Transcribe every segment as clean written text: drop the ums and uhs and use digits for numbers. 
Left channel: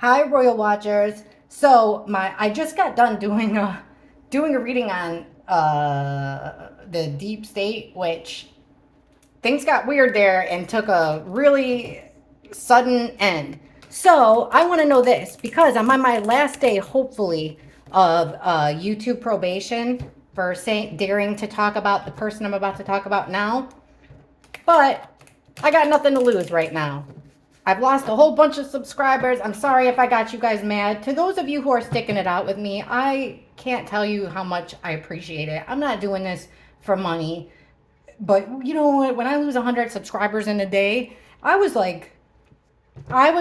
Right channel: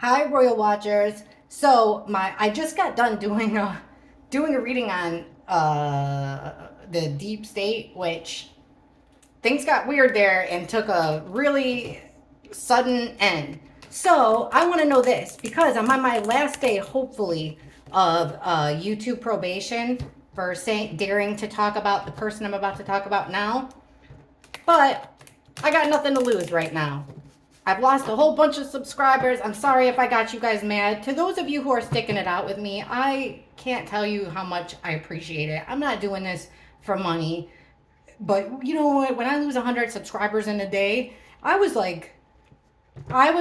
Hi, Royal Watchers. So I just got done doing a reading on the deep state, which things got weird there and took a really sudden end. So I want to know this because I'm on my last day, hopefully, of YouTube probation for daring to talk about the person I'm about to talk about now. But I got nothing to lose right now. I've lost a whole bunch of subscribers. I'm sorry if I got you guys mad. To those of you who are sticking it out with me, I can't tell you how much I appreciate it. I'm not doing this for money. But you know what? When I lose 100 subscribers in a day, I was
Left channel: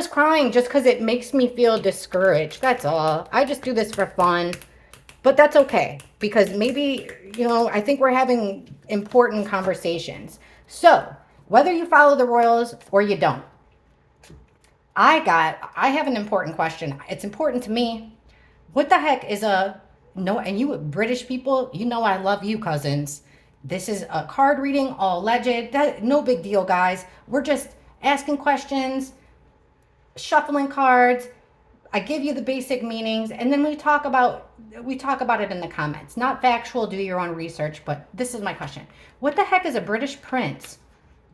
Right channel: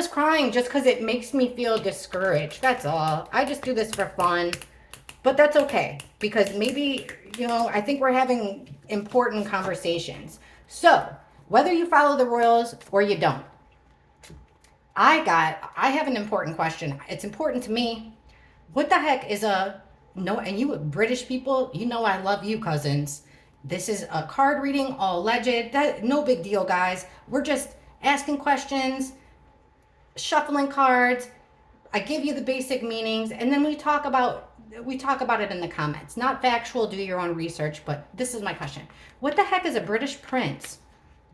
crying just because it makes me feel discouraged. That's all. I just do this for fun. But that's okay because maybe, I think we're having important conversations. So, whether you follow the Royals or you don't, I have an important question. It's important to me. What the heck is a no? And you British people, you know I love you, cousins. This is a card reading, all alleged. That no big deal, guys. We're just asking questions, shuffling cards. I give you the basic meanings, and then we talk about it in the comments. Not factual. Do your own research. But this is my question: what the heck is a British prince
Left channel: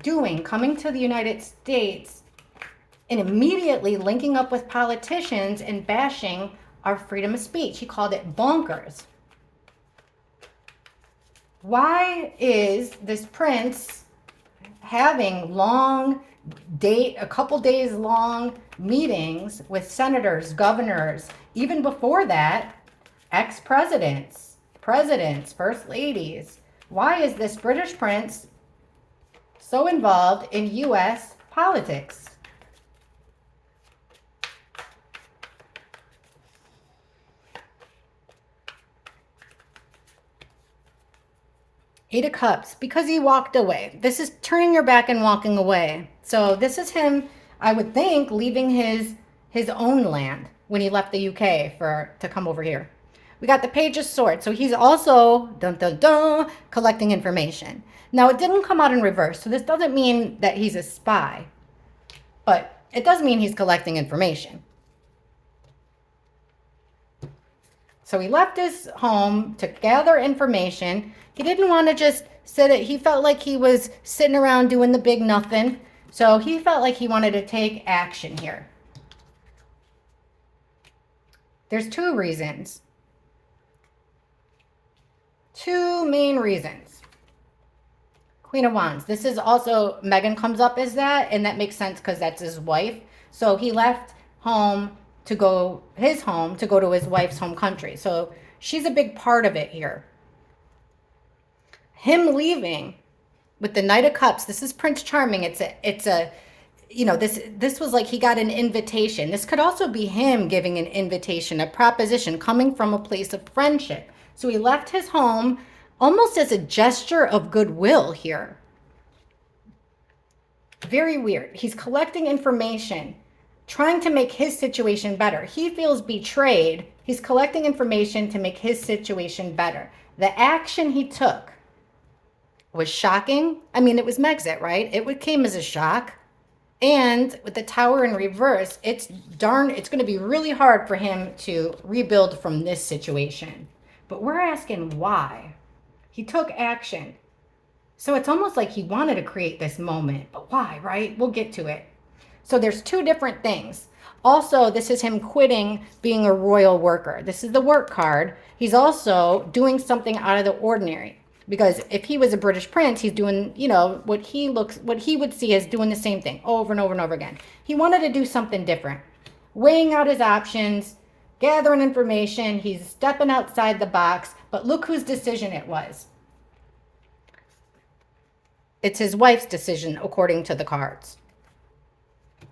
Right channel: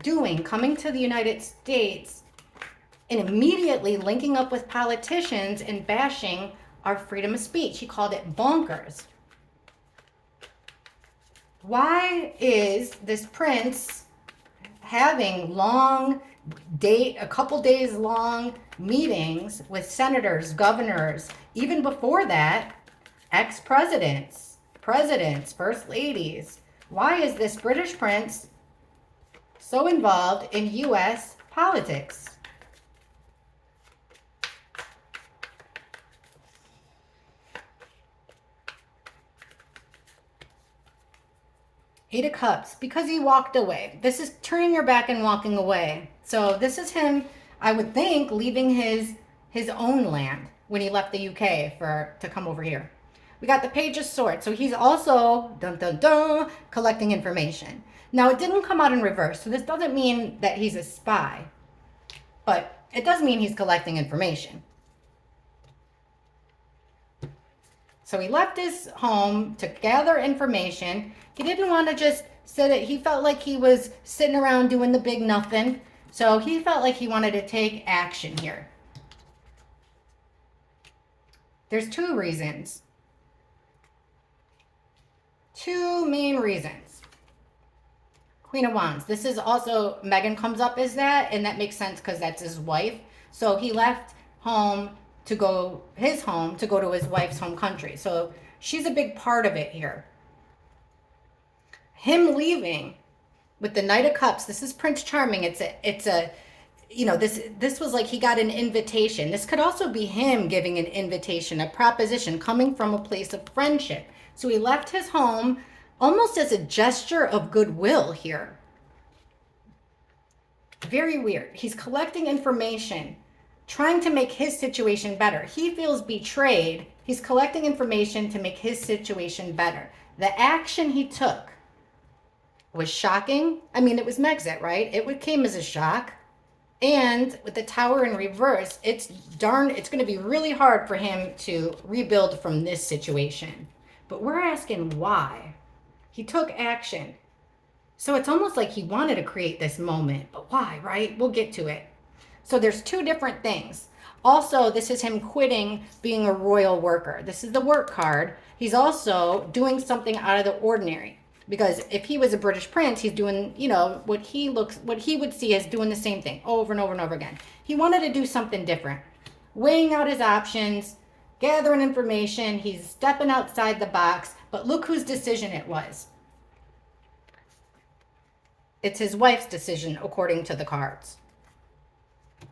doing coming to the United States and immediately linking up with politicians and bashing our freedom of speech? He called it bonkers. Why is this prince having a couple days long meetings with senators, governors, even before that, presidents, first ladies? Why is this British prince so involved in US politics? Eight of Cups, because he walked away. This is turning your back and walking away. So this is him, I would think, leaving his own land when he left the UK to come over here. We got the Page of Swords. So he's also, dun dun dun, collecting information. Now it didn't come out in reverse, so this doesn't mean that he's a spy, but it does mean he's collecting information. So he left his home to gather information. He didn't want to just he felt like he was sitting around doing the big nothing. So he felt like he wanted to take action here. There's two reasons. Two main reasons. Queen of Wands. This is also, Megan comes up as that, and that makes sense because that's his wife. So he left his home to go to his wife's home country. So she's a big part of it here. Him leaving with the Knight of Cups. This is Prince Charming. This was like he got an invitation. This could also be him giving an invitation, a proposition coming from a place of friendship. So he left his home almost as a gesture of goodwill here. Very weird. He's collecting information, trying to make his situation better. He feels betrayed. He's collecting information to make his situation better. The action he took was shocking. I mean, it was Megxit, right? It came as a shock. And with the Tower in reverse, it's going to be really hard for him to rebuild from this situation. But we're asking why. He took action. So it's almost like he wanted to create this moment. But why, right? We'll get to it. So there's two different things. Also, this is him quitting being a royal worker. This is the work card. He's also doing something out of the ordinary. Because if he was a British prince, he's doing, what he would see as doing the same thing over and over and over again. He wanted to do something different. Weighing out his options, gathering information. He's stepping outside the box. But look whose decision it was. It's his wife's decision, according to the cards.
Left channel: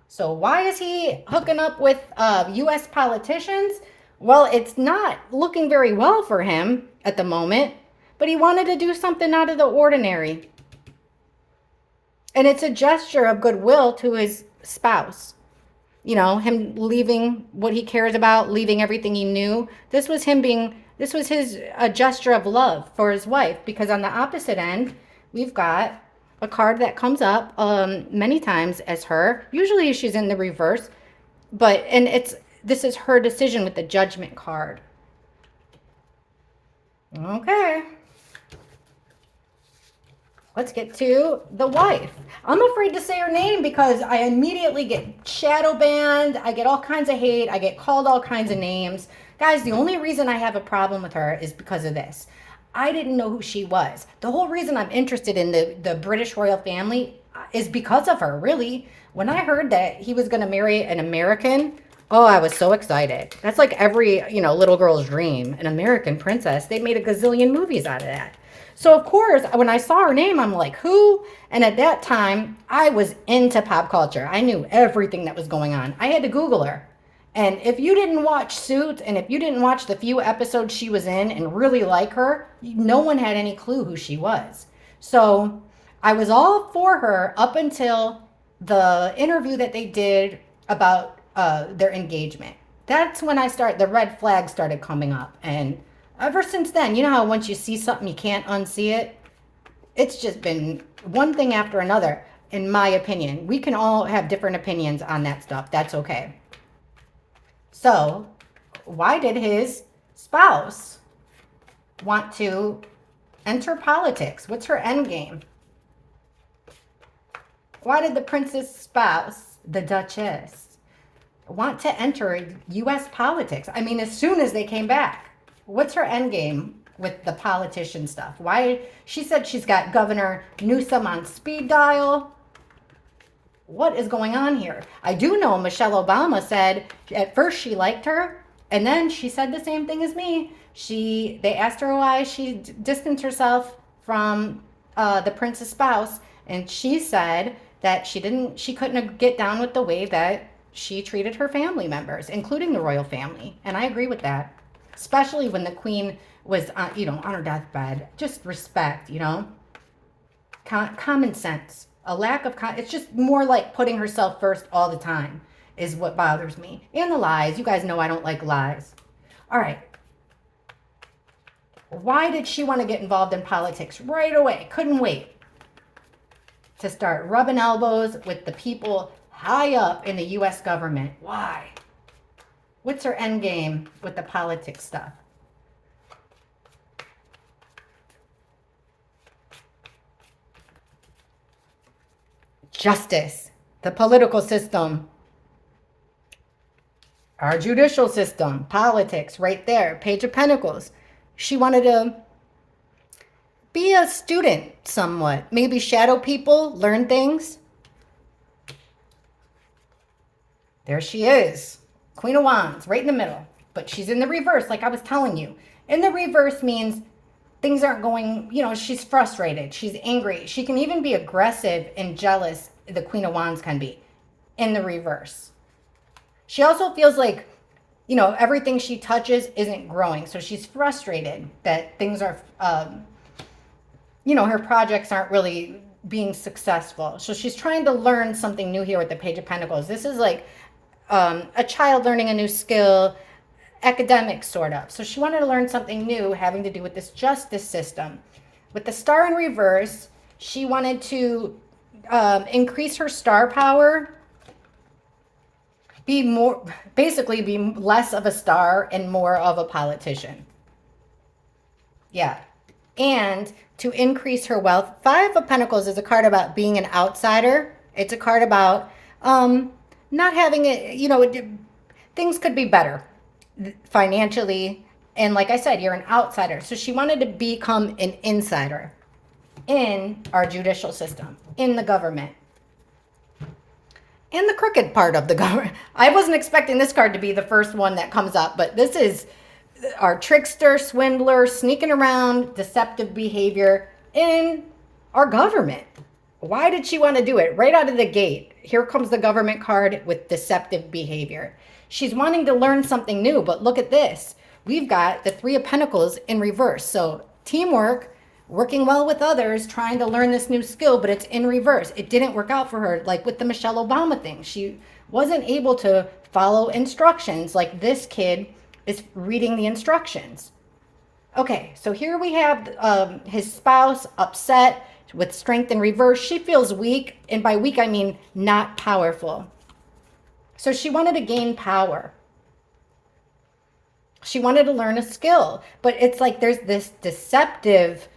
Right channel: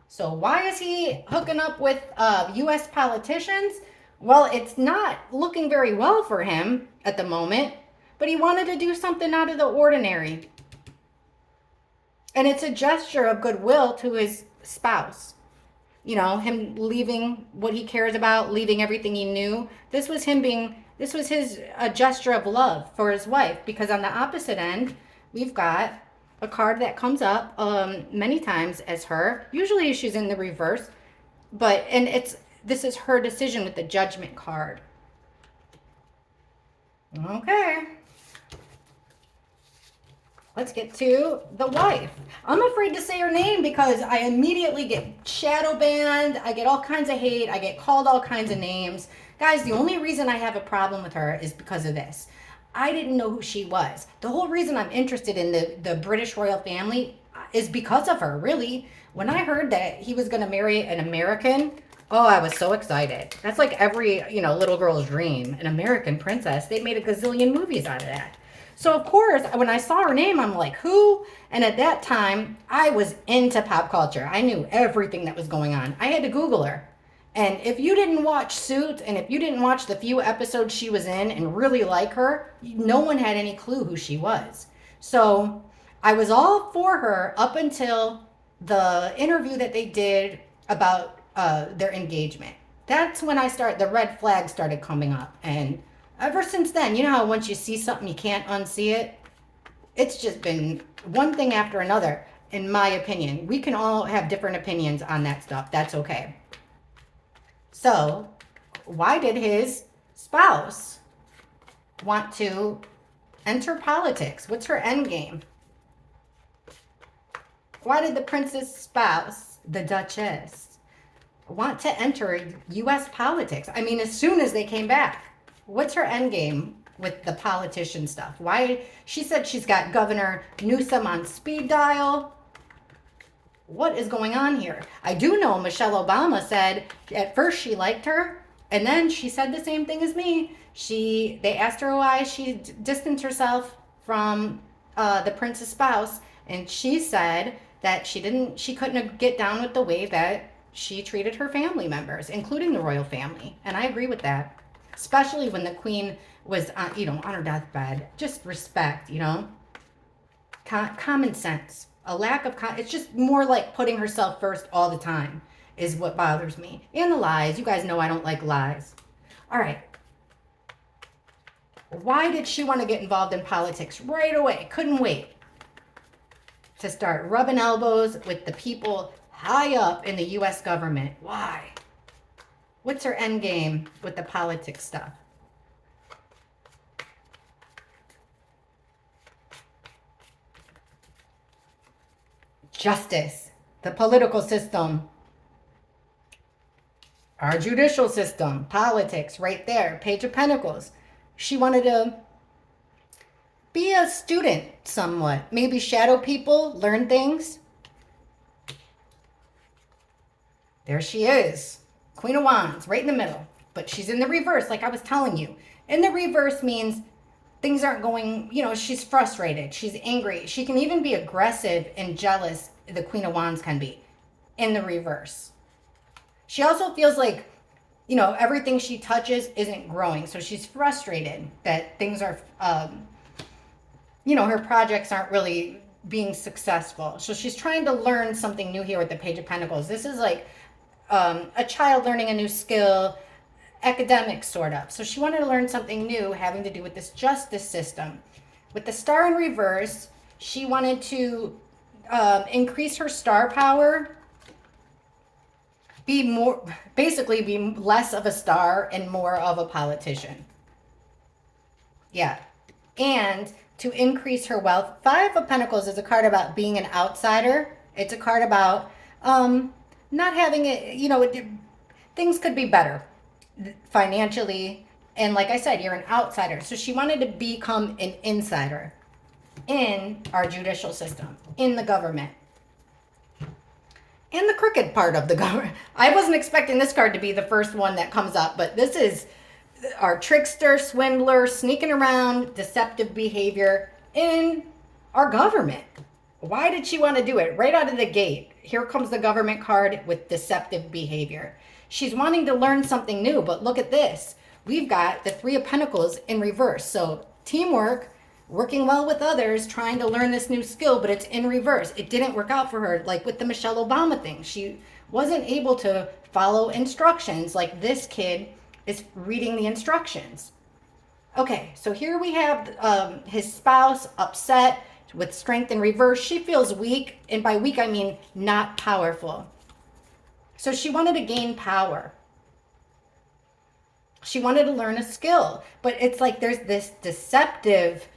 So why is he hooking up with U.S. politicians? Well, it's not looking very well for him at the moment, but he wanted to do something out of the ordinary. And it's a gesture of goodwill to his spouse. Him leaving what he cares about, leaving everything he knew. This was a gesture of love for his wife, because on the opposite end, we've got a card that comes up many times as her. Usually she's in the reverse, and this is her decision with the Judgment card. Okay. Let's get to the wife. I'm afraid to say her name because I immediately get shadow banned. I get all kinds of hate. I get called all kinds of names. Guys, the only reason I have a problem with her is because of this. I didn't know who she was. The whole reason I'm interested in the British royal family is because of her, really. When I heard that he was going to marry an American, oh, I was so excited. That's like every, little girl's dream, an American princess. They made a gazillion movies out of that. So, of course, when I saw her name, I'm like, who? And at that time, I was into pop culture. I knew everything that was going on. I had to Google her. And if you didn't watch Suits and if you didn't watch the few episodes she was in and really like her, no one had any clue who she was. So I was all for her up until the interview that they did about their engagement. That's when the red flags started coming up. And ever since then, you know how once you see something, you can't unsee it? It's just been one thing after another, in my opinion. We can all have different opinions on that stuff. That's okay. So, why did his spouse want to enter politics? What's her end game? Why did the prince's spouse, the Duchess, want to enter U.S. politics? I mean, as soon as they came back. What's her end game with the politician stuff? Why? She said she's got Governor Newsom on speed dial. What is going on here? I do know Michelle Obama said at first she liked her, and then she said the same thing as me. They asked her why she distanced herself from the prince's spouse, and she said that she couldn't get down with the way that she treated her family members, including the royal family. And I agree with that, especially when the queen was on her deathbed. Just respect, common sense. A lack of it's just more like putting herself first all the time is what bothers me. And the lies. You guys know I don't like lies. All right. Why did she want to get involved in politics right away? Couldn't wait to start rubbing elbows with the people high up in the U.S. government. Why? What's her end game with the politics stuff? Justice, the political system, our judicial system, politics, right there, Page of Pentacles. She wanted to be a student somewhat, maybe shadow people, learn things. There she is, Queen of Wands, right in the middle, but she's in the reverse, like I was telling you. In the reverse means things aren't going, she's frustrated, she's angry. She can even be aggressive and jealous, the Queen of Wands can be, in the reverse. She also feels like, everything she touches isn't growing. So she's frustrated that things are, her projects aren't really being successful. So she's trying to learn something new here with the Page of Pentacles. This is like a child learning a new skill, academic sort of. So she wanted to learn something new having to do with this justice system. With the star in reverse, she wanted to increase her star power, be less of a star and more of a politician. Yeah. And to increase her wealth. Five of Pentacles is a card about being an outsider. It's a card about not having it, things could be better financially. And like I said, you're an outsider. So she wanted to become an insider in our judicial system, in the government, in the crooked part of the government. I wasn't expecting this card to be the first one that comes up, but this is our trickster, swindler, sneaking around, deceptive behavior in our government. Why did she want to do it? Right out of the gate, here comes the government card with deceptive behavior. She's wanting to learn something new, but look at this. We've got the Three of Pentacles in reverse. So teamwork, working well with others, trying to learn this new skill, but it's in reverse. It didn't work out for her, like with the Michelle Obama thing. She wasn't able to follow instructions like this kid is reading the instructions. Okay, so here we have his spouse upset with strength in reverse. She feels weak, and by weak I mean not powerful. So she wanted to gain power. She wanted to learn a skill, but it's like there's this deceptive.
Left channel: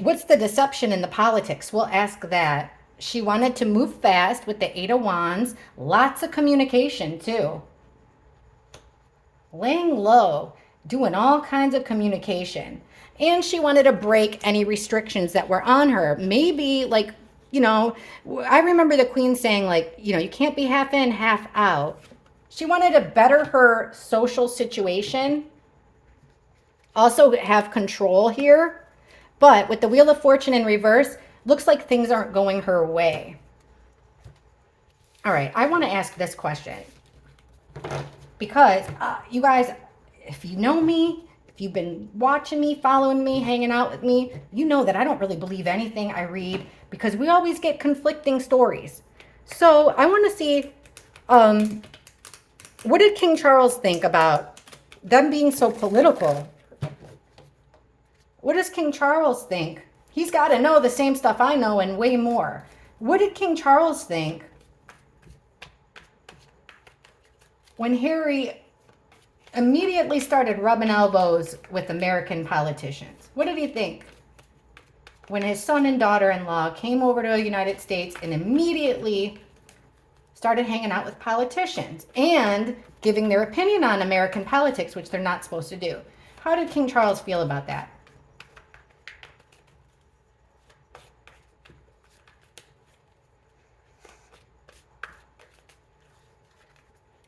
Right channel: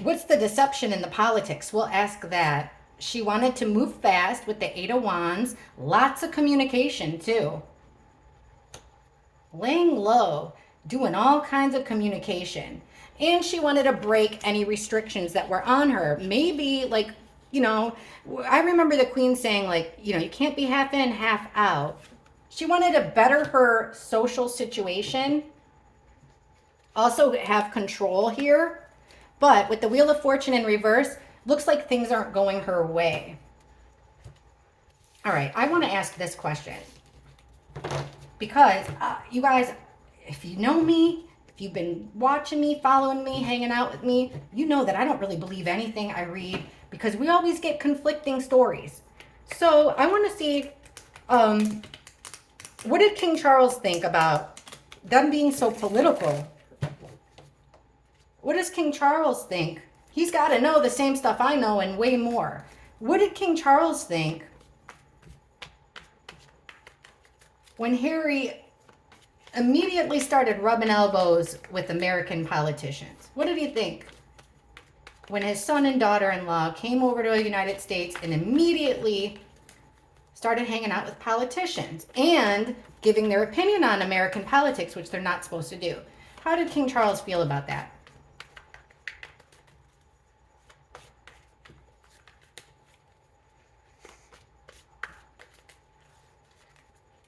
What's the deception in the politics? We'll ask that. She wanted to move fast with the Eight of Wands. Lots of communication, too. Laying low, doing all kinds of communication. And she wanted to break any restrictions that were on her. Maybe, like, I remember the Queen saying, like, you can't be half in, half out. She wanted to better her social situation, also have control here. But with the Wheel of Fortune in reverse, looks like things aren't going her way. All right, I want to ask this question. Because, you guys, if you know me, if you've been watching me, following me, hanging out with me, you know that I don't really believe anything I read because we always get conflicting stories. So I want to see, what did King Charles think about them being so political? What does King Charles think? He's got to know the same stuff I know and way more. What did King Charles think when Harry immediately started rubbing elbows with American politicians? What did he think when his son and daughter-in-law came over to the United States and immediately started hanging out with politicians and giving their opinion on American politics, which they're not supposed to do? How did King Charles feel about that?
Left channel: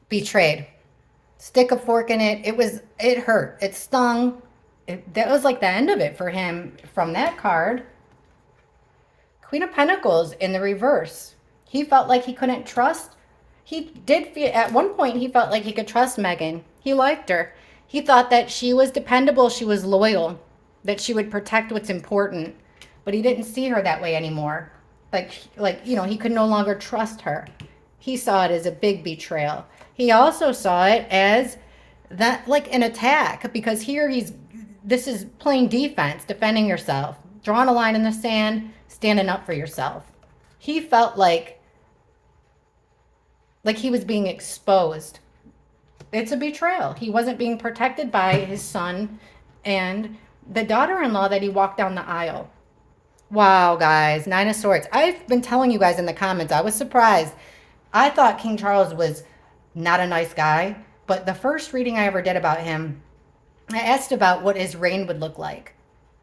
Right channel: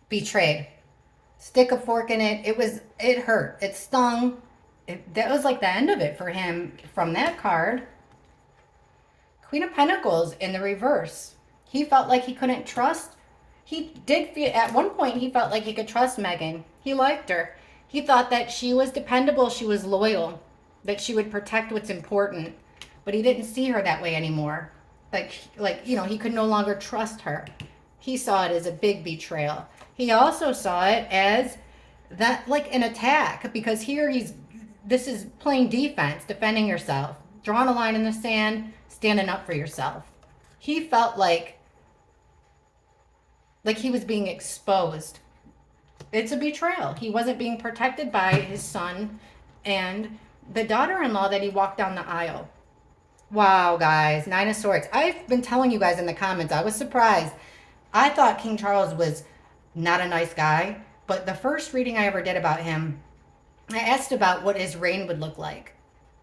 Betrayed. Stick a fork in it. It hurt. It stung. That was like the end of it for him from that card. Queen of Pentacles in the reverse. He felt like he couldn't trust. He did feel, at one point, he felt like he could trust Meghan. He liked her. He thought that she was dependable, she was loyal, that she would protect what's important. But he didn't see her that way anymore. He could no longer trust her. He saw it as a big betrayal. He also saw it as that, like an attack, because here this is playing defense, defending yourself, drawing a line in the sand, standing up for yourself. He felt like he was being exposed. It's a betrayal. He wasn't being protected by his son and the daughter-in-law that he walked down the aisle. Wow, guys, Nine of Swords. I've been telling you guys in the comments, I was surprised. I thought King Charles was not a nice guy, but the first reading I ever did about him, I asked about what his reign would look like.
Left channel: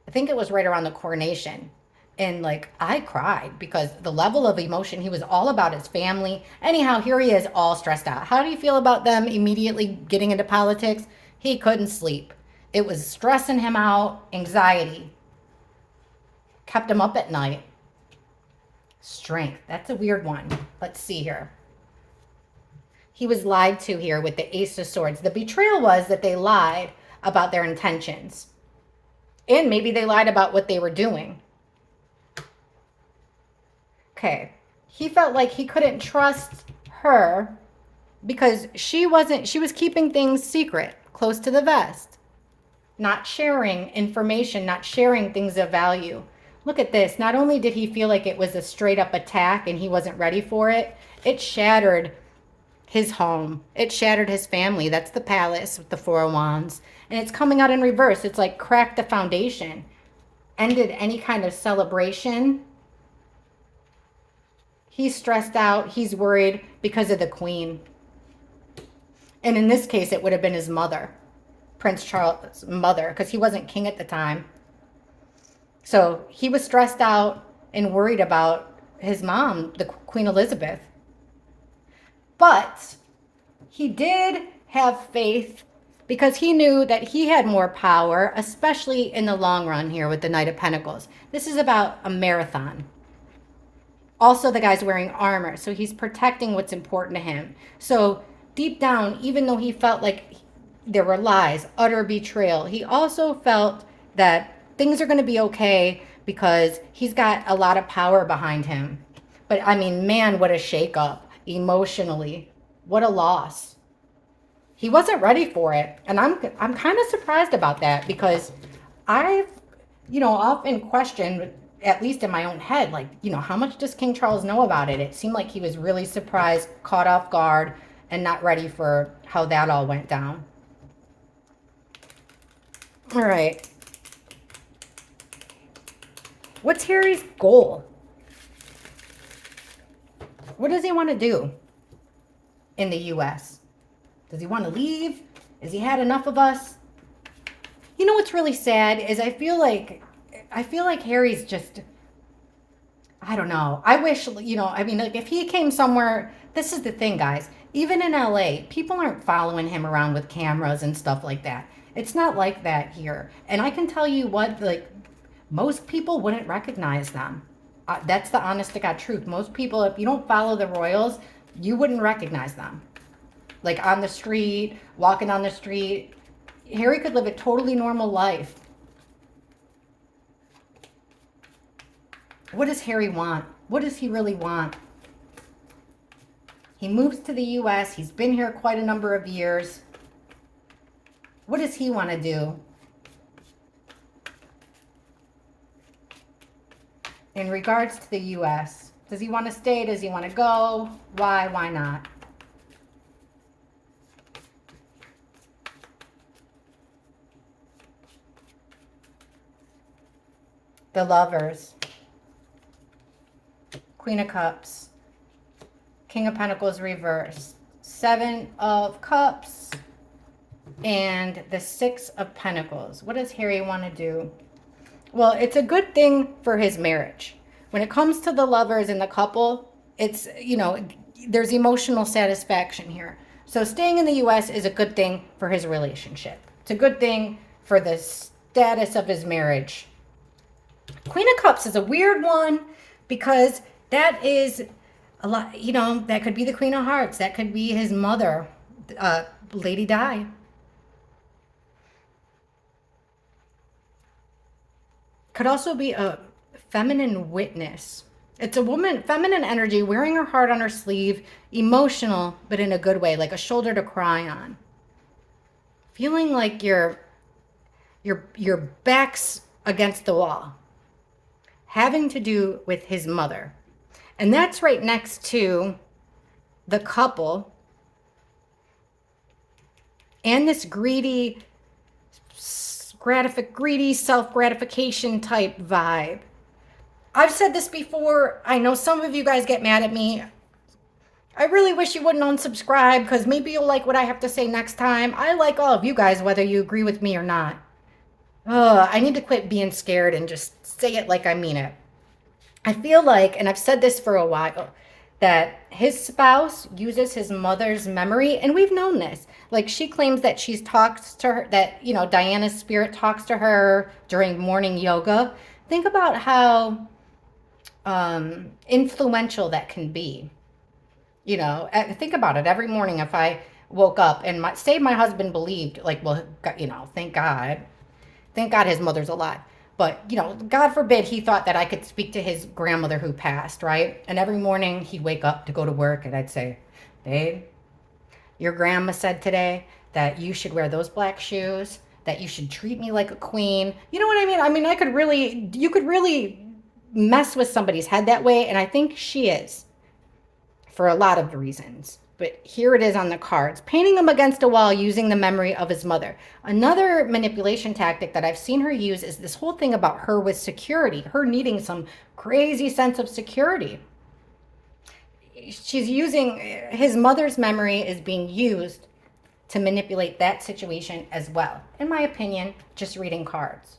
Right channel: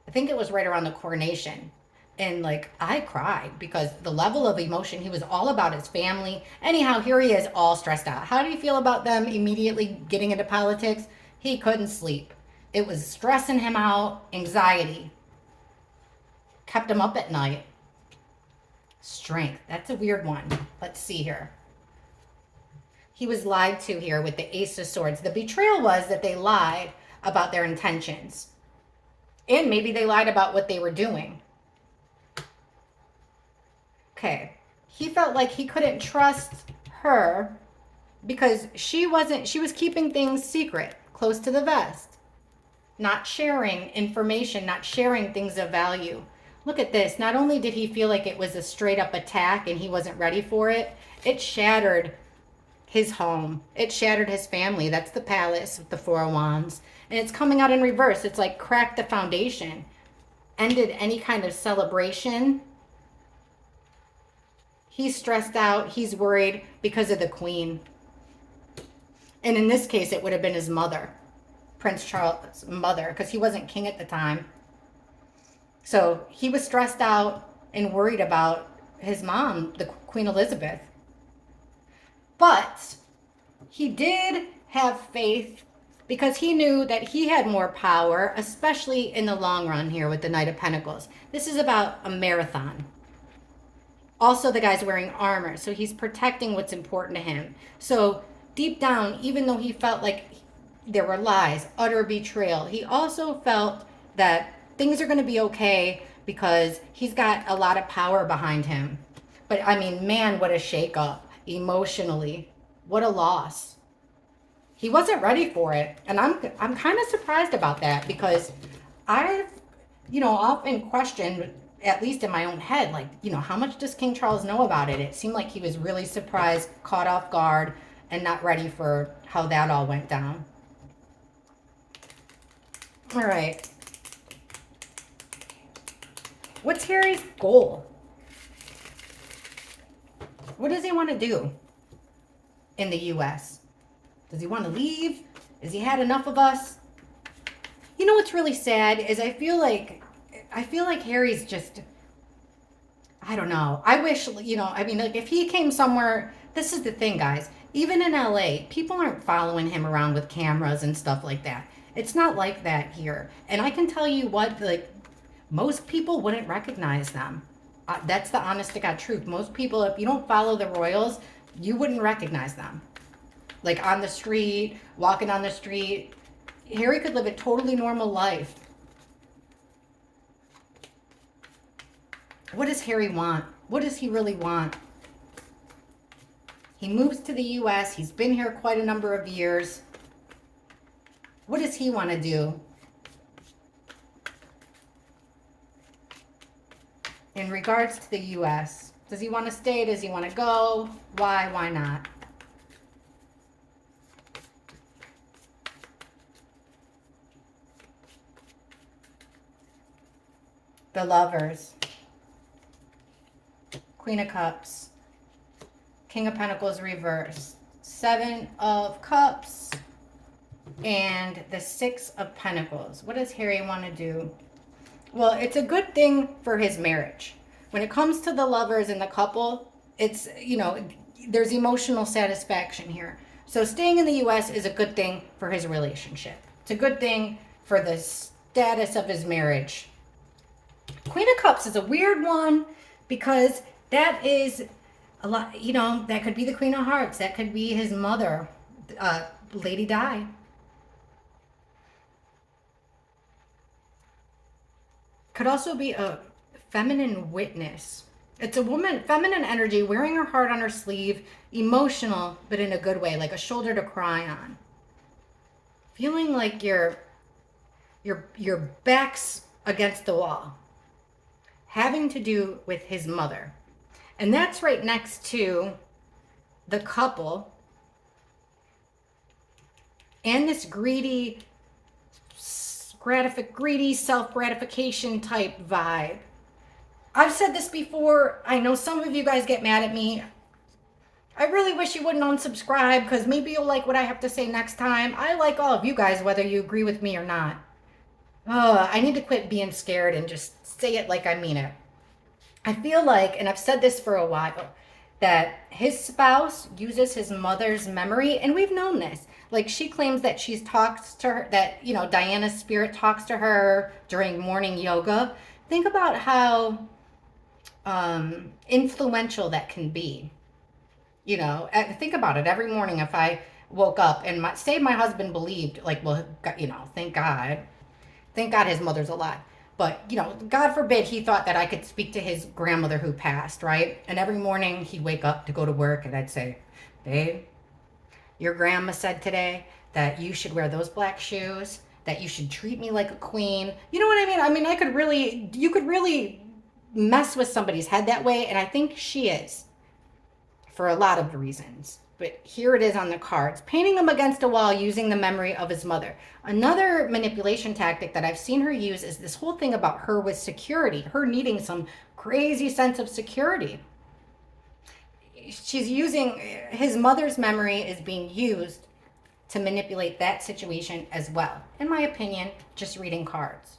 I think it was right around the coronation. And I cried because the level of emotion, he was all about his family. Anyhow, here he is all stressed out. How do you feel about them immediately getting into politics? He couldn't sleep. It was stressing him out, anxiety. Kept him up at night. Strength, that's a weird one. Let's see here. He was lied to here with the Ace of Swords. The betrayal was that they lied about their intentions. And maybe they lied about what they were doing. Okay. He felt like he couldn't trust her because she was keeping things secret, close to the vest. Not sharing information, not sharing things of value. Look at this. Not only did he feel like it was a straight up attack and he wasn't ready for it, it shattered his home. It shattered his family. That's the palace with the Four of Wands. And it's coming out in reverse. It's like cracked the foundation. Ended any kind of celebration. He's stressed out. He's worried because of the Queen. And in this case, it would have been his mother. Prince Charles' mother. Because he wasn't king at the time. So he was stressed out and worried about his mom, the Queen Elizabeth. But he did have faith because he knew that he had more power, especially in the long run here with the Knight of Pentacles. This is about a marathon. Also, the guy's wearing armor, so he's protecting what's important to him. So deep down, even though he felt like there were lies, utter betrayal, he also felt that things are going to be okay because he's got a lot of power behind him. But I mean, man, what a shakeup emotionally. What a loss. He wasn't ready for it. And I'm kind of surprised about that because I've, often questioned, at least in my own head, how much does King Charles know about it? It seemed like he was really surprised, caught off guard, and not ready for how that all went down. All right. What's Harry's goal? What does he want to do in the U.S.? Does he want to leave? Has he had enough of us? You know what's really sad is I feel like Harry's just, I don't know. I wish, I mean, like if he came somewhere, this is the thing, guys. Even in LA, people aren't following him around with cameras and stuff like that. It's not like that here. And I can tell you what, like, most people wouldn't recognize them. That's the honest to God truth. Most people, if you don't follow the royals, you wouldn't recognize them. Like on the street, walking on the street. Harry could live a totally normal life. What does Harry want? What does he really want? He moves to the U.S. He's been here quite a number of years. What does he want to do? In regards to the U.S., does he want to stay? Does he want to go? Why? Why not? The Lovers. Queen of Cups. King of Pentacles reverse. Seven of Cups. And the Six of Pentacles. What does Harry want to do? Well, it's a good thing for his marriage. When it comes to the lovers and the couple, it's, there's emotional satisfaction here. So staying in the U.S. is a good thing for his relationship. It's a good thing for the status of his marriage. Queen of Cups is a weird one because that is a lot, that could be the Queen of Hearts. That could be his mother, Lady Di. Could also be a feminine witness. It's a woman, feminine energy, wearing her heart on her sleeve, emotional, but in a good way, like a shoulder to cry on. Feeling like your back's against the wall. Having to do with his mother. And that's right next to the couple and this greedy self-gratification type vibe. I've said this before. I know some of you guys get mad at me. I really wish you wouldn't unsubscribe because maybe you'll like what I have to say next time. I like all of you guys, whether you agree with me or not. I need to quit being scared and just say it like I mean it. I feel like, and I've said this for a while, that his spouse uses his mother's memory, and we've known this. Like she claims that she's talked to her, that, Diana's spirit talks to her during morning yoga. Think about how influential that can be. Think about it. Every morning if I woke up and say my husband believed, thank God his mother's alive. But, God forbid he thought that I could speak to his grandmother who passed, right? And every morning he'd wake up to go to work and I'd say, babe, your grandma said today that you should wear those black shoes, that you should treat me like a queen. You know what I mean? I mean, you could really mess with somebody's head that way. And I think she is for a lot of reasons. But here it is on the cards. Painting him against a wall using the memory of his mother. Another manipulation tactic that I've seen her use is this whole thing about her with security. Her needing some crazy sense of security. She's using, his mother's memory is being used to manipulate that situation as well. In my opinion, just reading cards.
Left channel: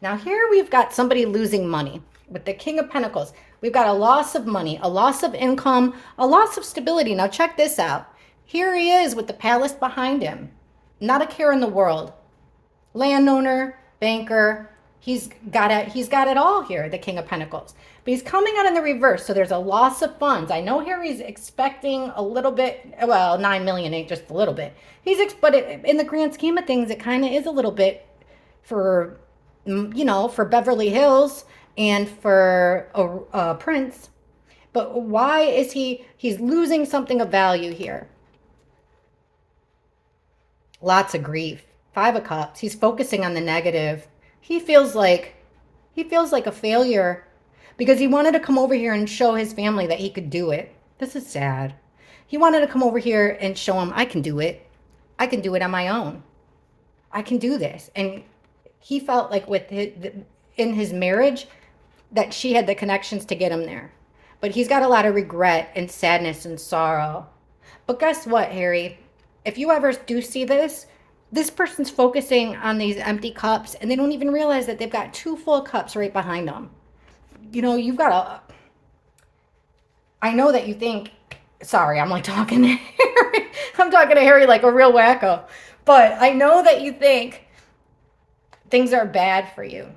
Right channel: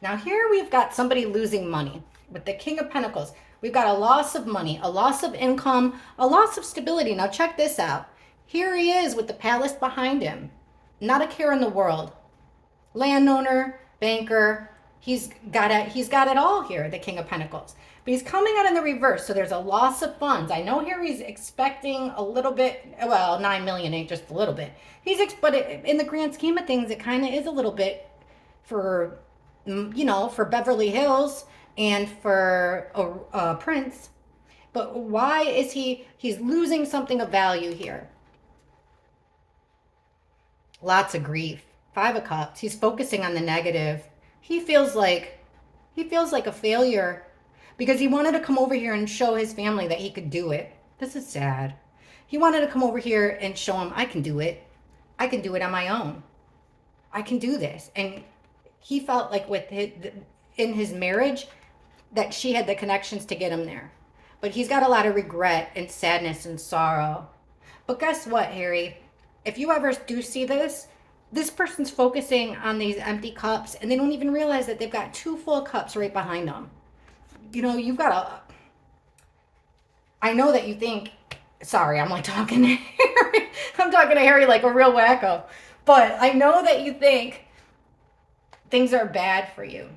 Now here we've got somebody losing money with the King of Pentacles. We've got a loss of money, a loss of income, a loss of stability. Now check this out. Here he is with the palace behind him. Not a care in the world. Landowner, banker, he's got it all here, the King of Pentacles. But he's coming out in the reverse, so there's a loss of funds. I know here he's expecting a little bit, well, 9 million ain't just a little bit. But in the grand scheme of things, it kind of is a little bit for, for Beverly Hills and for a prince. But why is he's losing something of value here? Lots of grief. 5 of Cups. He's focusing on the negative. He feels like a failure because he wanted to come over here and show his family that he could do it. This is sad. He wanted to come over here and show them, I can do it. I can do it on my own. I can do this. And he felt like in his marriage that she had the connections to get him there. But he's got a lot of regret and sadness and sorrow. But guess what, Harry? If you ever do see this, this person's focusing on these empty cups and they don't even realize that they've got 2 full cups right behind them. You know, you've got a. I know that you think, sorry, I'm like talking to Harry. I'm talking to Harry like a real wacko. But I know that you think things are bad for you.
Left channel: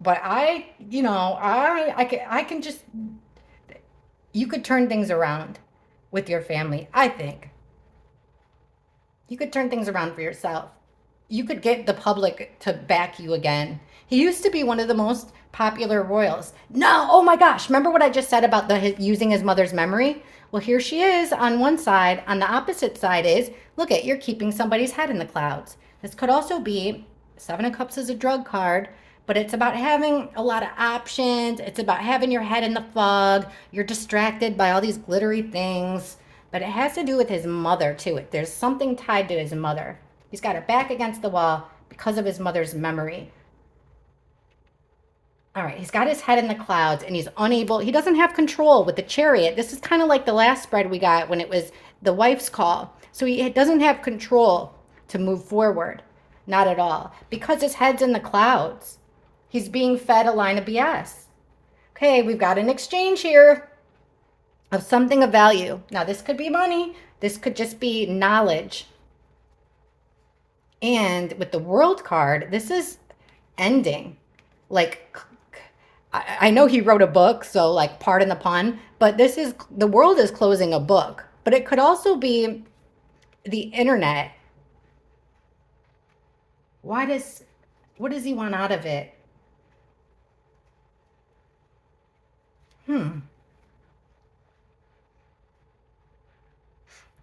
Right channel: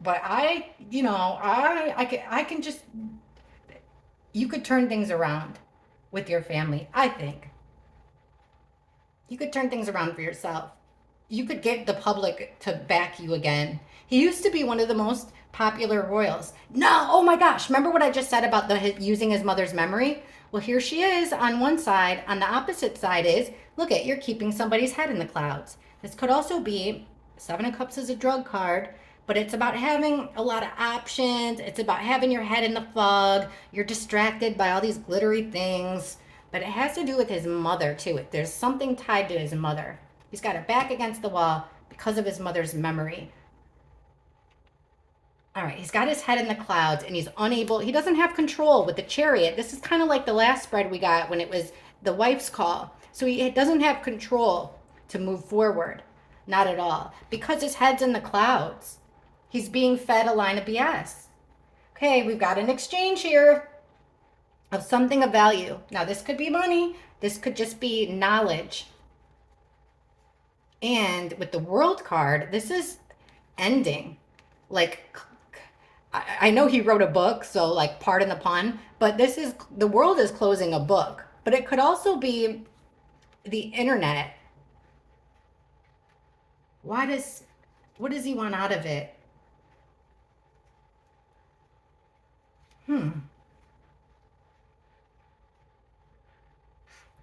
But I can just, you could turn things around with your family, I think. You could turn things around for yourself. You could get the public to back you again. He used to be one of the most popular royals. No, oh my gosh, remember what I just said about using his mother's memory? Well, here she is on one side. On the opposite side is, look at, you're keeping somebody's head in the clouds. This could also be, 7 of Cups is a drug card, but it's about having a lot of options. It's about having your head in the fog. You're distracted by all these glittery things. But it has to do with his mother, too. There's something tied to his mother. He's got her back against the wall because of his mother's memory. All right, he's got his head in the clouds and he's unable, he doesn't have control with the Chariot. This is kind of like the last spread we got when it was the wife's call. So he doesn't have control to move forward. Not at all. Because his head's in the clouds. He's being fed a line of BS. Okay, we've got an exchange here of something of value. Now, this could be money. This could just be knowledge. And with the World card, this is ending. Like, I know he wrote a book, so like, pardon the pun, but this is, the world is closing a book. But it could also be the internet. What does he want out of it?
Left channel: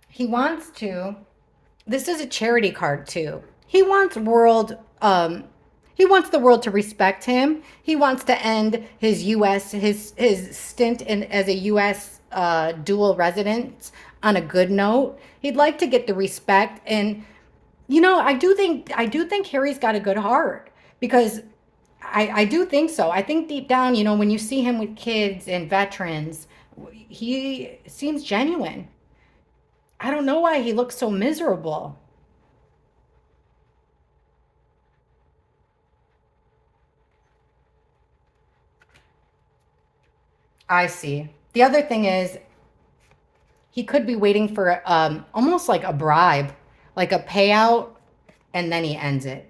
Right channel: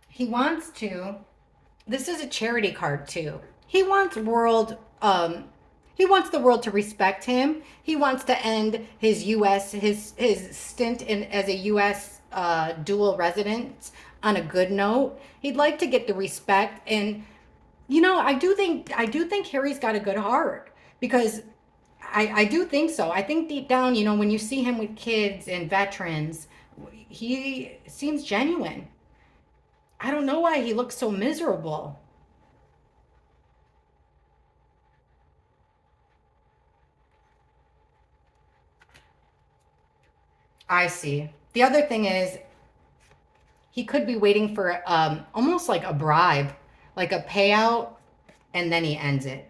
He wants to, this is a charity card too. He wants he wants the world to respect him. He wants to end his his stint as a US dual resident on a good note. He'd like to get the respect, and I do think Harry's got a good heart, because I do think so. I think deep down, when you see him with kids and veterans, he seems genuine. I don't know why he looks so miserable. I see. The other thing is, he could be waiting for almost like a bribe, like a payout, and then he ends it.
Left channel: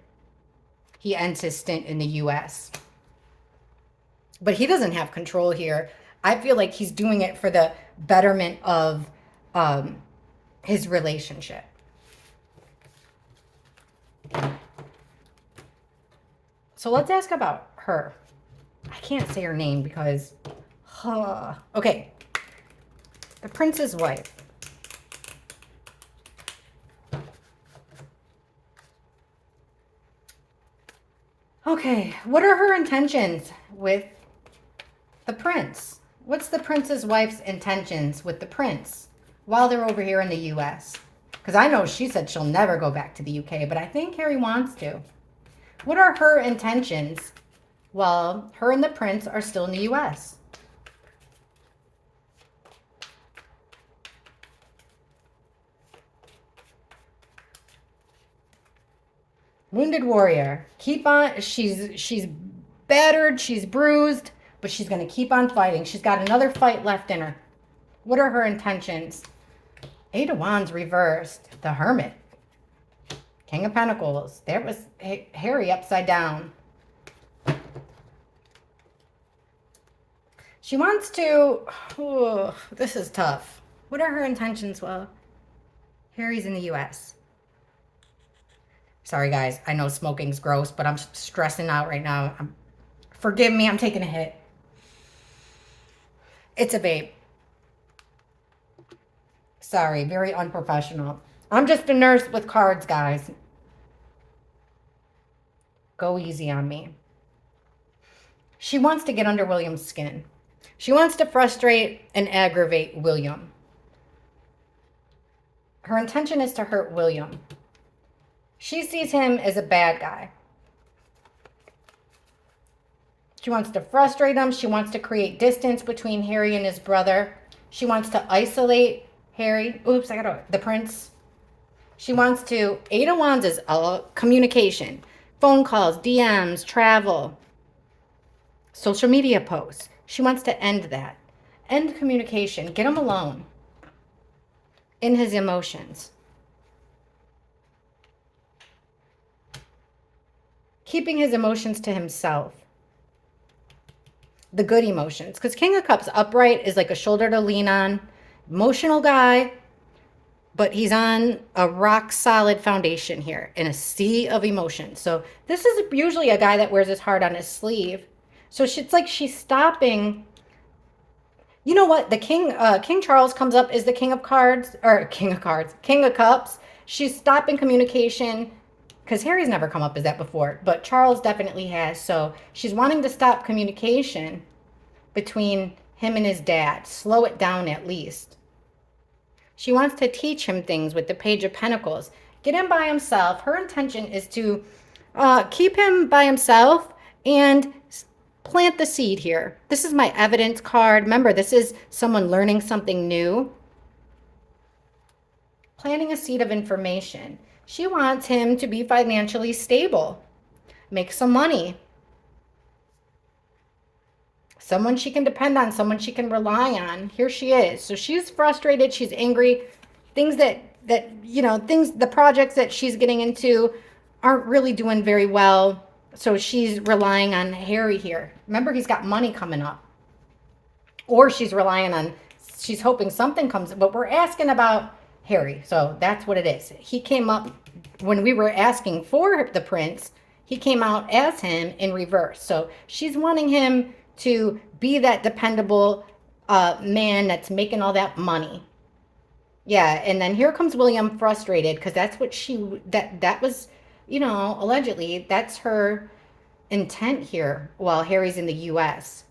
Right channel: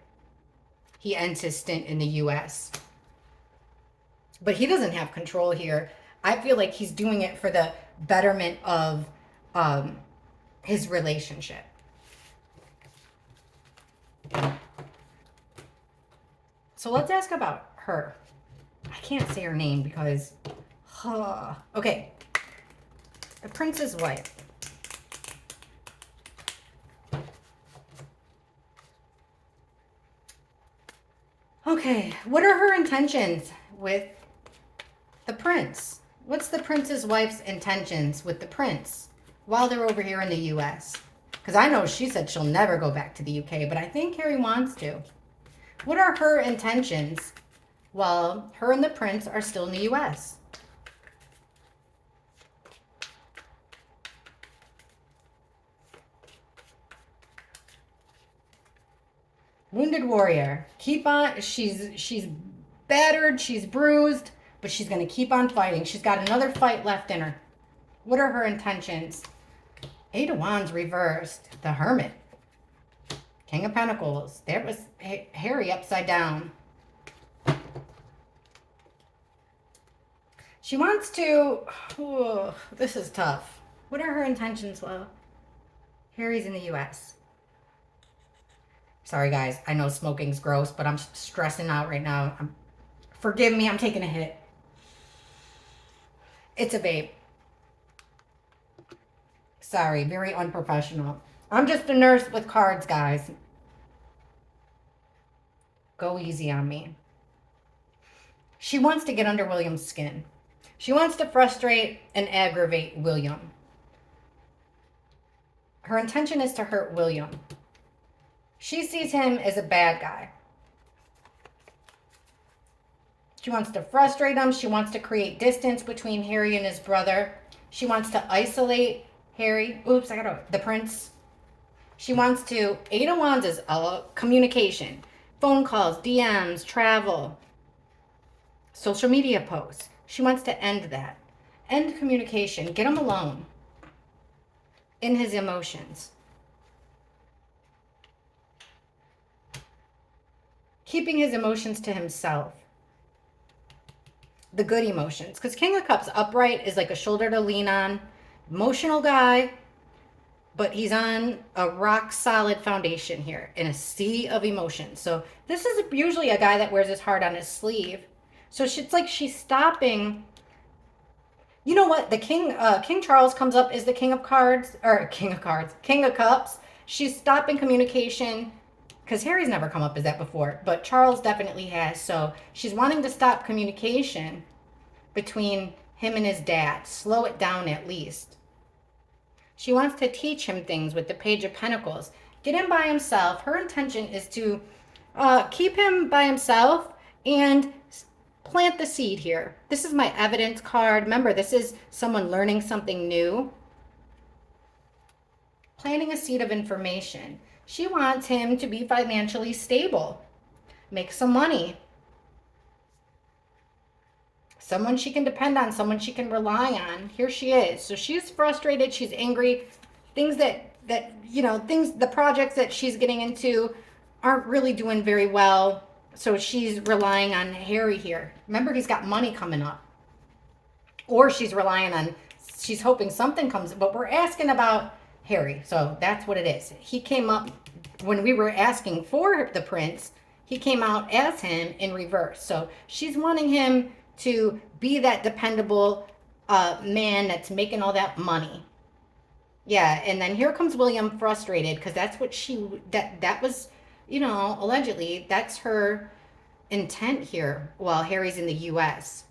He ends his stint in the US. But he doesn't have control here. I feel like he's doing it for the betterment of his relationship. So let's ask about her. I can't say her name because... okay. The prince's wife. Okay, what are her intentions with the prince? What's the prince's wife's intentions with the prince while they're over here in the US? Because I know she said she'll never go back to the UK, but I think Harry wants to. What are her intentions while her and the prince are still in the US? Wounded warrior. Keep on. She's battered. She's bruised, but she's going to keep on fighting. She's got another fight left in her. What are her intentions? 8 of Wands reversed. The Hermit. King of Pentacles. There was Harry upside down. She wants to... Oh, this is tough. What are her intentions? Well, Harry's in the US. Sorry, guys. I know smoking's gross, but I'm stressing out right now. Forgive me. I'm taking a hit. It's a vape. Sorry. Very unprofessional. I'm just a nurse with cards, guys. Go easy on me. She wants to get under William's skin. She wants to frustrate and aggravate William. Her intention is to hurt William. She sees him as a bad guy. She wants to frustrate him. She wants to create distance between Harry and his brother. She wants to isolate Harry. Oops, the prince. She wants to, Eight of Wands is communication, phone calls, DMs, travel, social media posts. She wants to end that. End communication. Get him alone in his emotions. Keeping his emotions to himself. The good emotions. Because King of Cups upright is like a shoulder to lean on. Emotional guy. But he's on a rock solid foundation here in a sea of emotions. So this is usually a guy that wears his heart on his sleeve. So it's like she's stopping. You know what? The King Charles comes up as the King of Cards, or King of Cards, King of Cups. She's stopping communication because Harry's never come up as that before, but Charles definitely has. So she's wanting to stop communication between him and his dad, slow it down at least. She wants to teach him things with the Page of Pentacles. Get him by himself. Her intention is to keep him by himself and plant the seed here. This is my evidence card. Remember, this is someone learning something new. Planting a seed of information. She wants him to be financially stable. Make some money. Someone she can depend on, someone she can rely on. Here she is. So she's frustrated, she's angry. Things the projects that she's getting into aren't really doing very well. So she's relying on Harry here. Remember, he's got money coming up. Or she's hoping something comes, but we're asking about Harry. So that's what it is. He came up when we were asking for the prince. He came out as him in reverse. So she's wanting him to be that dependable man that's making all that money. Yeah, and then here comes William frustrated because that's what that was, allegedly, that's her intent here while Harry's in the US,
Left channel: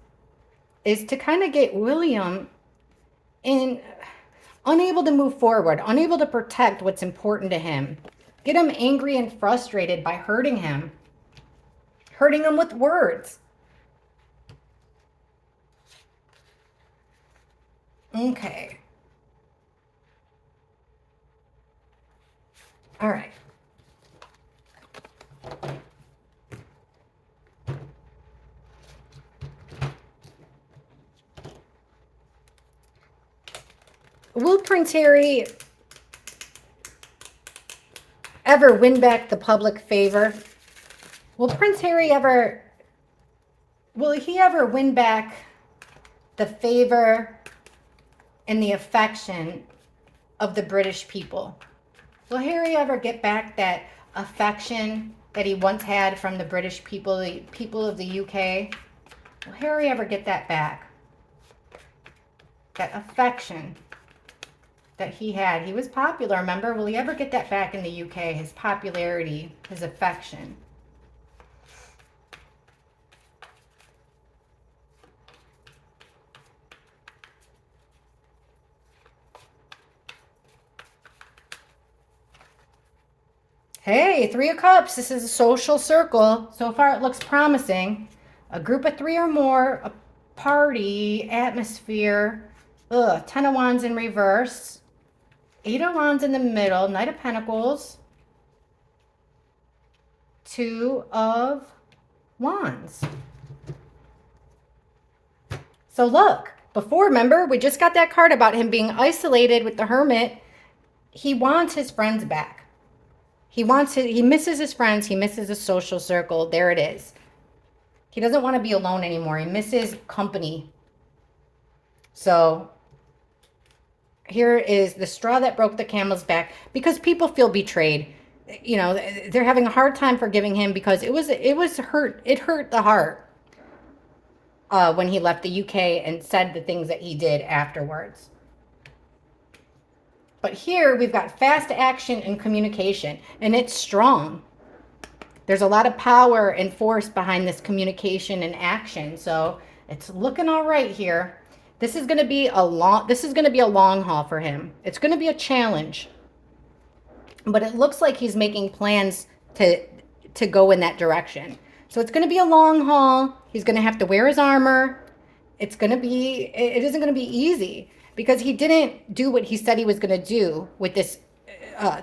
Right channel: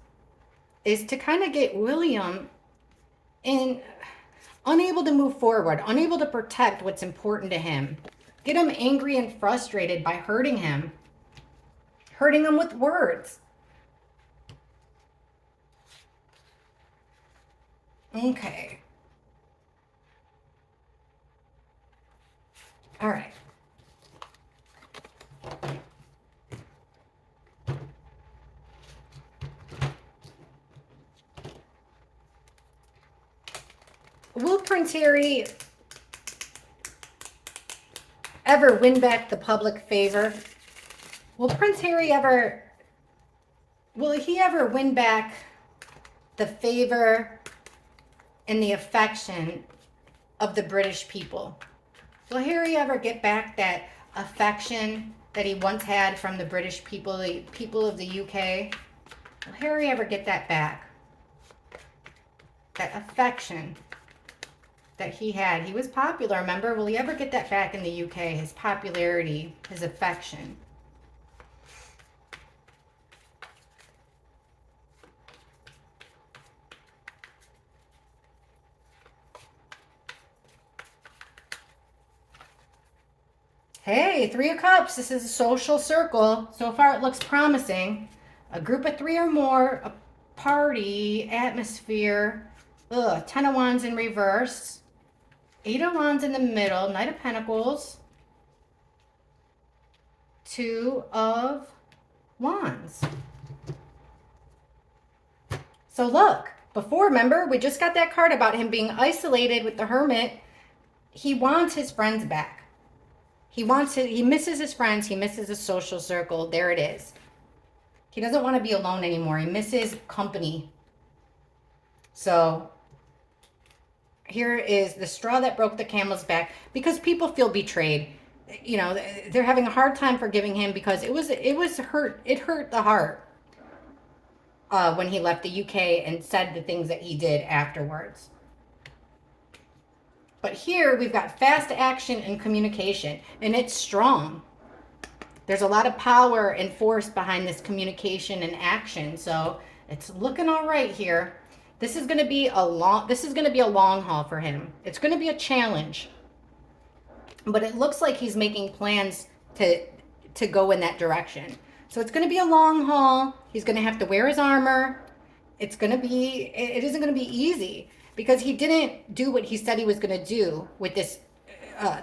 is to kind of get William unable to move forward, unable to protect what's important to him. Get him angry and frustrated by hurting him with words. Okay. All right. Will Prince Harry ever win back the public favor? Will he ever win back the favor and the affection of the British people? Will Harry ever get back that affection that he once had from the British people, the people of the UK? Will Harry ever get that back? That affection that he had. He was popular, remember? Will he ever get that back in the UK? His popularity, his affection. Hey, Three of Cups. This is a social circle. So far it looks promising. A group of three or more, a party, atmosphere. Ten of Wands in reverse. Eight of Wands in the middle. Knight of Pentacles. Two of Wands. So look, before, remember, we just got that card about him being isolated with the Hermit. He wants his friends back. He misses his friends. He misses a social circle. There it is. He doesn't want to be alone anymore. He misses company. So here is the straw that broke the camel's back, because people feel betrayed. They're having a hard time forgiving him because it hurt the heart when he left the UK and said the things that he did afterwards. But here we've got fast action and communication, and it's strong. There's a lot of power and force behind this communication and action, so it's looking all right here. This is going to be a long haul for him. It's going to be a challenge. but it looks like he's making plans to go in that direction. So it's going to be a long haul. He's going to have to wear his armor. It isn't going to be easy because he didn't do what he said he was going to do with this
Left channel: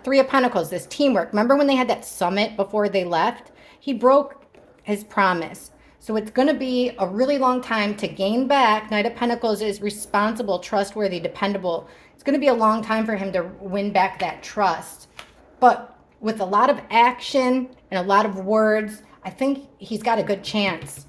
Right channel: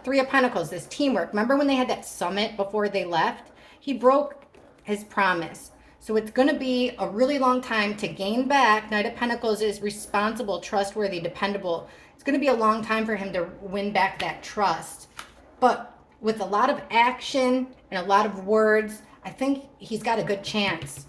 Three of Pentacles, this teamwork. Remember when they had that summit before they left? He broke his promise. So it's going to be a really long time to gain back. Knight of Pentacles is responsible, trustworthy, dependable. It's going to be a long time for him to win back that trust. But with a lot of action and a lot of words, I think he's got a good chance.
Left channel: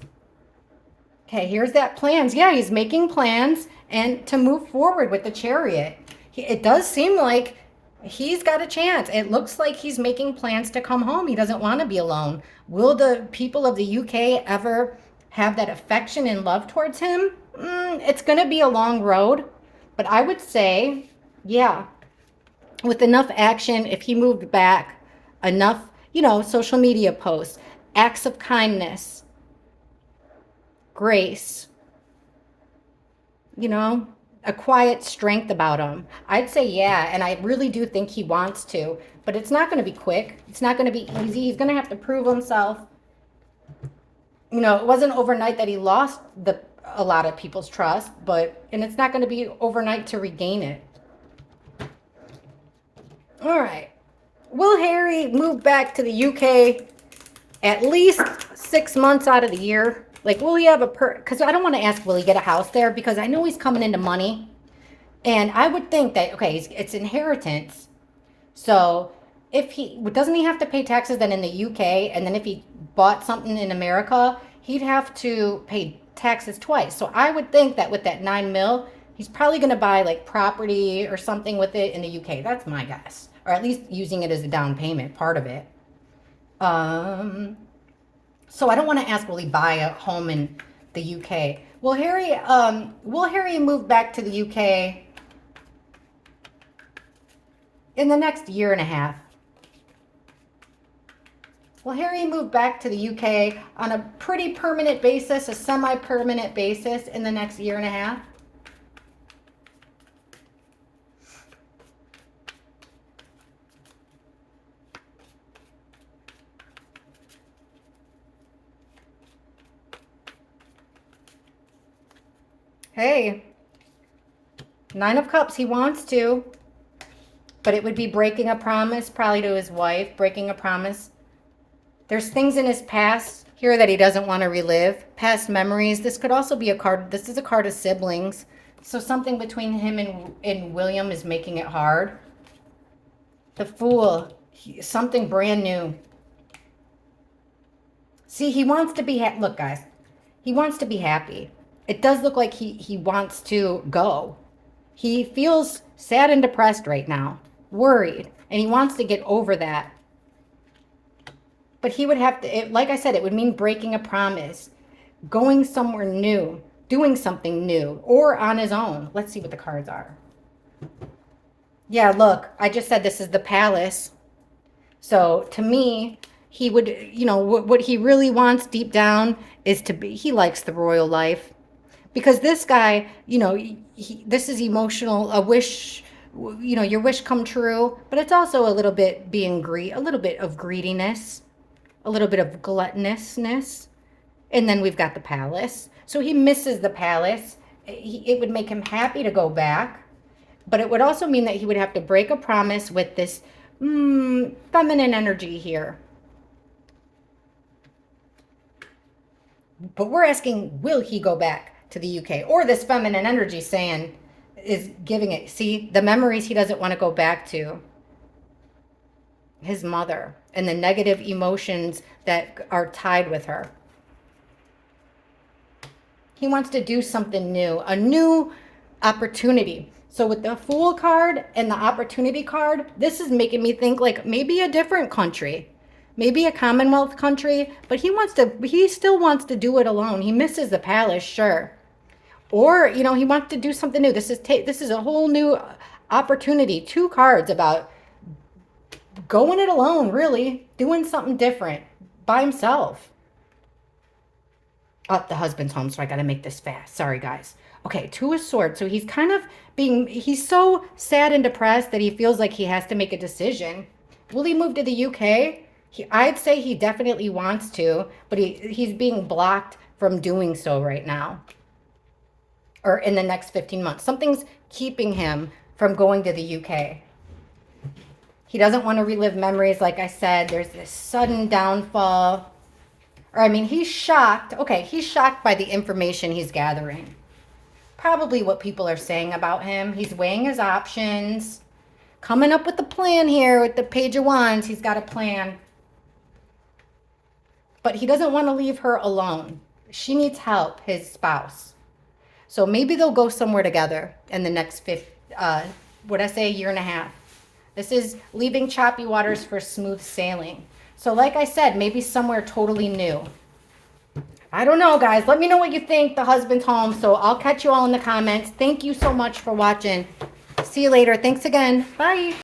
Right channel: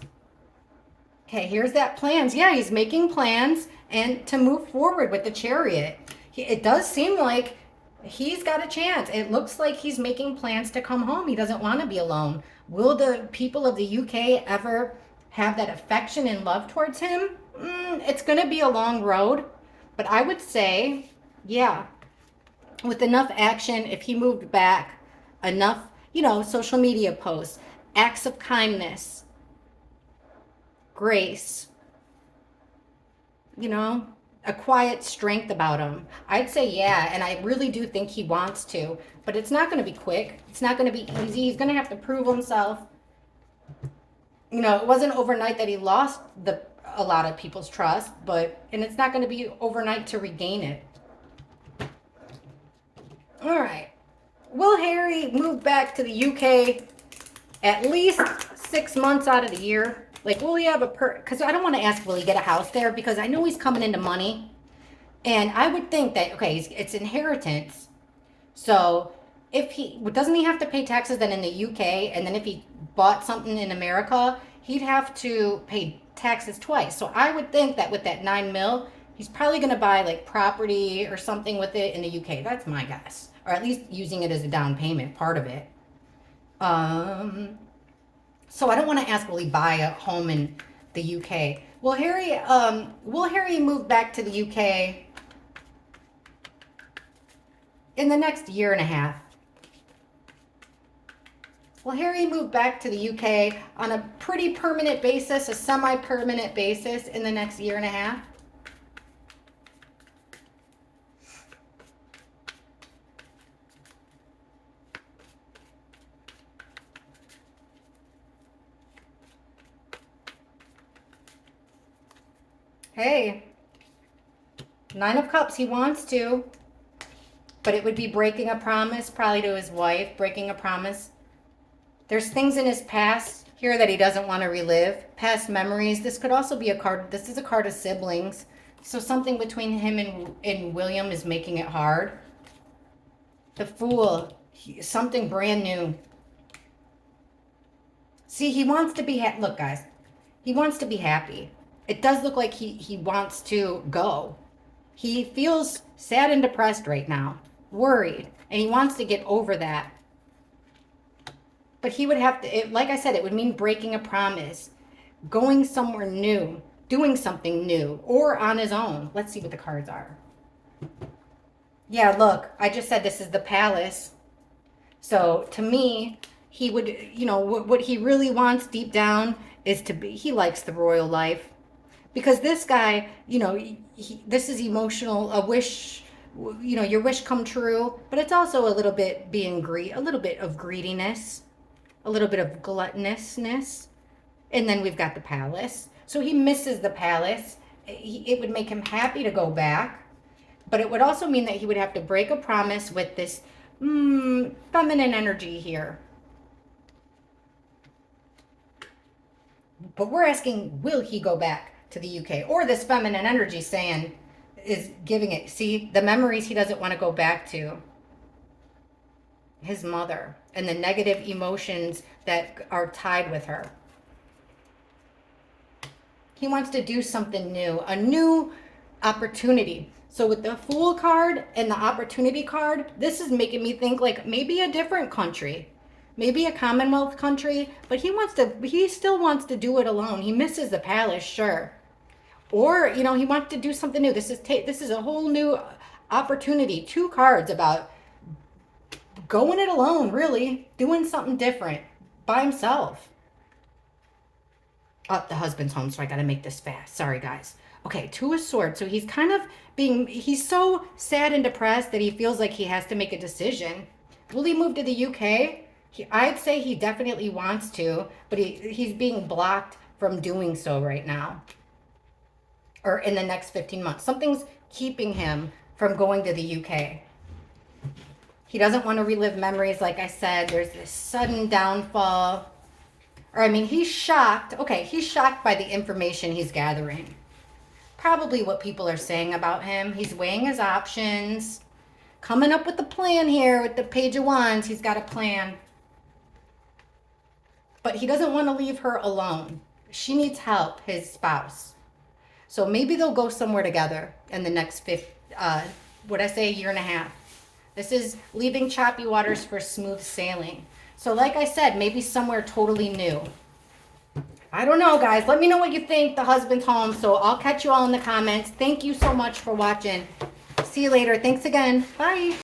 Okay, here's that plans. Yeah, he's making plans and to move forward with the Chariot. It does seem like he's got a chance. It looks like he's making plans to come home. He doesn't want to be alone. Will the people of the UK ever have that affection and love towards him? It's going to be a long road. But I would say, yeah, with enough action, if he moved back, enough, social media posts, acts of kindness, grace, a quiet strength about him. I'd say yeah, and I really do think he wants to, but it's not going to be quick. It's not going to be easy. He's going to have to prove himself. It wasn't overnight that he lost a lot of people's trust, and it's not going to be overnight to regain it. All right. Will Harry move back to the UK at least 6 months out of the year? Like, will he have because I don't want to ask, will he get a house there? Because I know he's coming into money. And I would think that, okay, it's inheritance. So doesn't he have to pay taxes then in the UK? And then if he bought something in America, he'd have to pay taxes twice. So I would think that with that 9 mil, he's probably going to buy like property or something with it in the UK. That's my guess. Or at least using it as a down payment, part of it. So I don't want to ask, will he buy a home in the UK? Will Harry move back to the UK in the next year and a half? Will Harry move back to the UK on a pretty permanent basis, a semi-permanent basis in the next year and a half? Hey, 9 of Cups, he wants to, but it would be breaking a promise, probably to his wife, breaking a promise. There's things in his past here that he doesn't want to relive, past memories. This could also be this is a card of siblings. So something between him and William is making it hard. The Fool, something brand new. See, he wants to be, look guys, he wants to be happy. It does look like he wants to go. He feels sad and depressed right now, worried, and he wants to get over that. But he would have to, like I said, it would mean breaking a promise, going somewhere new, doing something new, or on his own. Let's see what the cards are. Yeah, look, I just said this is the Palace. So to me, he would, what he really wants deep down is to be, he likes the royal life. Because this guy, this is emotional, a wish, your wish come true, but it's also a little bit a little bit of greediness, a little bit of gluttonousness. And then we've got the Palace. So he misses the Palace. It would make him happy to go back, but it would also mean that he would have to break a promise with this feminine energy here. But we're asking, will he go back to the UK? Or this feminine energy is giving it. See, the memories he doesn't want to go back to. His mother and the negative emotions that are tied with her. He wants to do something new, a new opportunity. So with the Fool card and the Opportunity card, this is making me think like maybe a different country. Maybe a Commonwealth country, but he still wants to do it alone. He misses the Palace, sure. Or, he wants to do something new. This is a whole new opportunity. 2 cards about going it alone, really. Doing something different by himself. Oh, the husband's home, so I got to make this fast. Sorry, guys. Okay, 2 of Swords. So he's so sad and depressed that he feels like he has to make a decision. Will he move to the UK? I'd say he definitely wants to, but he's being blocked from doing so right now, or in the next 15 months. Something's keeping him from going to the UK. He doesn't want to relive memories. Like I said, there's this sudden downfall. Or, I mean, he's shocked. Okay, he's shocked by the information he's gathering. Probably what people are saying about him. He's weighing his options, coming up with a plan here with the Page of Wands. He's got a plan. But he doesn't want to leave her alone. She needs help, his spouse. So maybe they'll go somewhere together in the next year and a half. This is leaving choppy waters for smooth sailing. So like I said, maybe somewhere totally new. I don't know, guys. Let me know what you think. The husband's home. So I'll catch you all in the comments. Thank you so much for watching. See you later. Thanks again. Bye.